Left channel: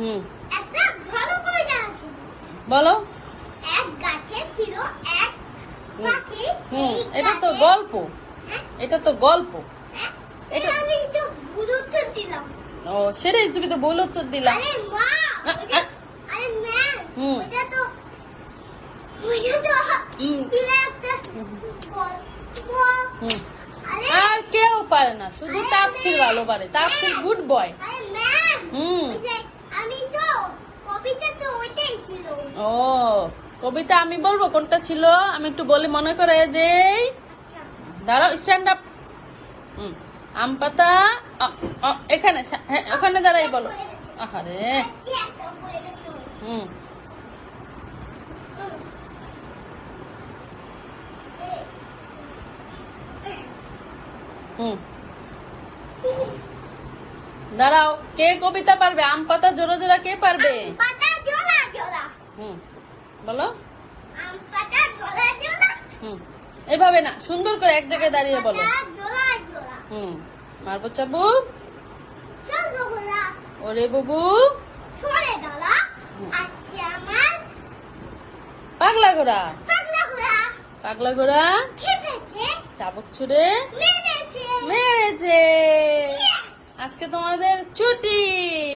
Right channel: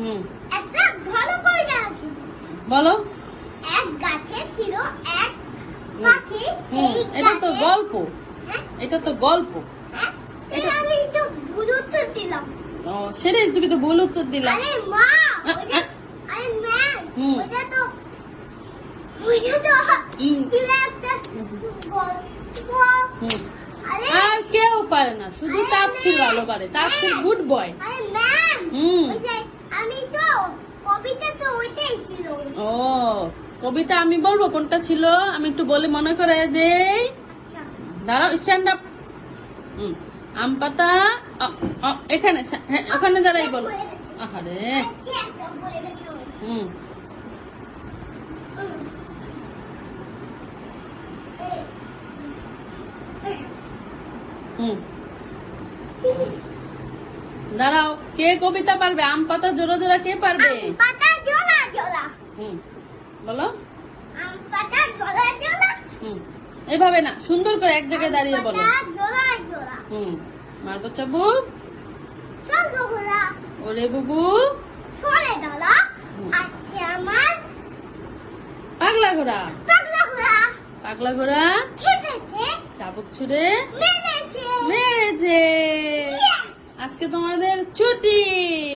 হুম, একটা ভালো করে জানো কি? বলো। এক গাছে ছিল এক পাখি, হুম, সেই এটা তো গাছে- গল্প। হ্যাঁ? এটা তো গল্প। হ্যাঁ? এটা- আমি তো ভুল উত্তর দিলাম। ও, সেটাই তুমি তো ভুল উত্তর দিলা। আরে মা, আরে ম্যাম, হুম। ওটা তো হুম। ছিল একটা গল্প। হুম। আরে আর কেউ পারে না, শুধু তাপসির ভালো পারে। তাপসির গুড বয়। আরে ম্যাম, হুম। ওই যে আমি তো কবিতা তো ওইটাই ছিল। ও, কবিতা আমি বলবো কোনটা ছিল, আমি একটু বলে মনে করে দেই। আচ্ছা, দাঁড়াও, স্ট্যান্ড আপ। আম পাতা। এখানে, হ্যাঁ, ওখানে দাঁড়াই বলো। আহারে। আজকে একটা বলে দিছো। হুম। হুম। দাঁড়াও, কে কবিতা পারবে? আম পাতা জোড়া জোড়া কে পারবে? আম পাতা জোড়া জোড়া, হুম, বলো। আম পাতা জোড়া জোড়া, হুম, এভাবে না, সুন্দর করে এক জায়গায় দাঁড়িয়ে বলো। পাতা জোড়া জোড়া, হুম, মারবো চাবু। চল বগুড়া, ওরে বুবু। ছড়ে দাঁড়া, আজকে আমার পাগলা ঘোড়া। পাগলা ঘোড়া পাগলা ঘোড়া খেপেছে, চাবুক ছুড়ে মেরেছে। মেরেছে। Yes! আজকে তোমাদের ছুটি।